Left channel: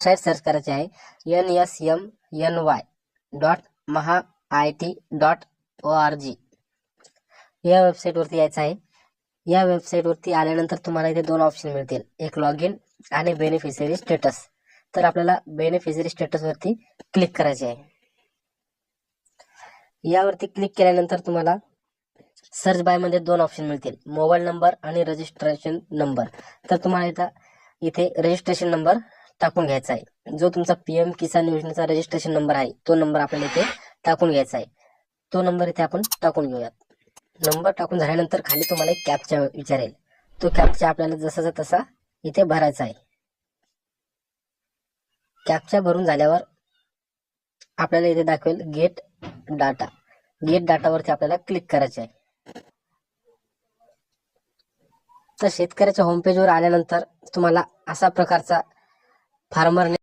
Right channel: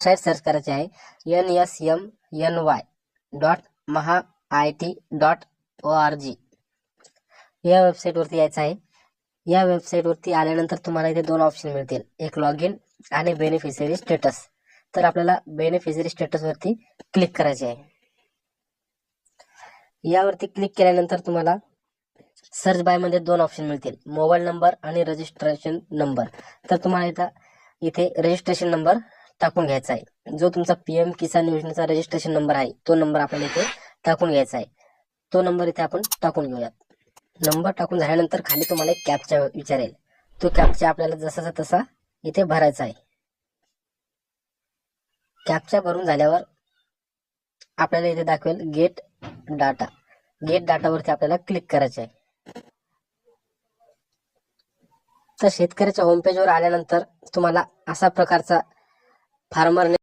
Website search करायची आहे nsmny.mahaIT.org. या वेबसाईटवरती यायचं आहे. या वेबसाईटवरती आल्यानंतर तुम्हाला इथे दोन ऑप्शन मिळतील, एक लॉग इन आणि बेनिफिशरी स्टेटस. तर आपल्याला बेनिफिशरी स्टेटसवरती क्लिक करायचे आहे. यावरती क्लिक केल्यानंतर तुम्हाला सर्च बाय मध्ये दोन ऑप्शन मिळतील, मोबाईल नंबर आणि रजिस्ट्रेशन नंबर. तर तुम्हाला इथे रजिस्ट्रेशन नंबर टाकून घ्यायचा आहे. जो तुमचा PM किसान योजनेचा रजिस्ट्रेशन नंबर आहे तो नंबर आपल्याला इथे टाकून घ्यायचा आहे. तो नंबर इथे आपण टाकून घेऊयात. नंबर टाकून झाल्यानंतर खाली तुम्हाला एक कॅप्चा विचारेल. तो कॅप्चा आपल्याला जसाचा तसा इथे भरायचा आहे. कॅप्चा भरून झाल्यावर आपल्याला इथे दाखवेल गेट डाटा. गेट डाटावरती आपल्याला क्लिक करायचे आहे. तर शेतकऱ्याच्या होम पेजवर आल्यानंतर तुम्हाला असा प्रकारचा फार्मर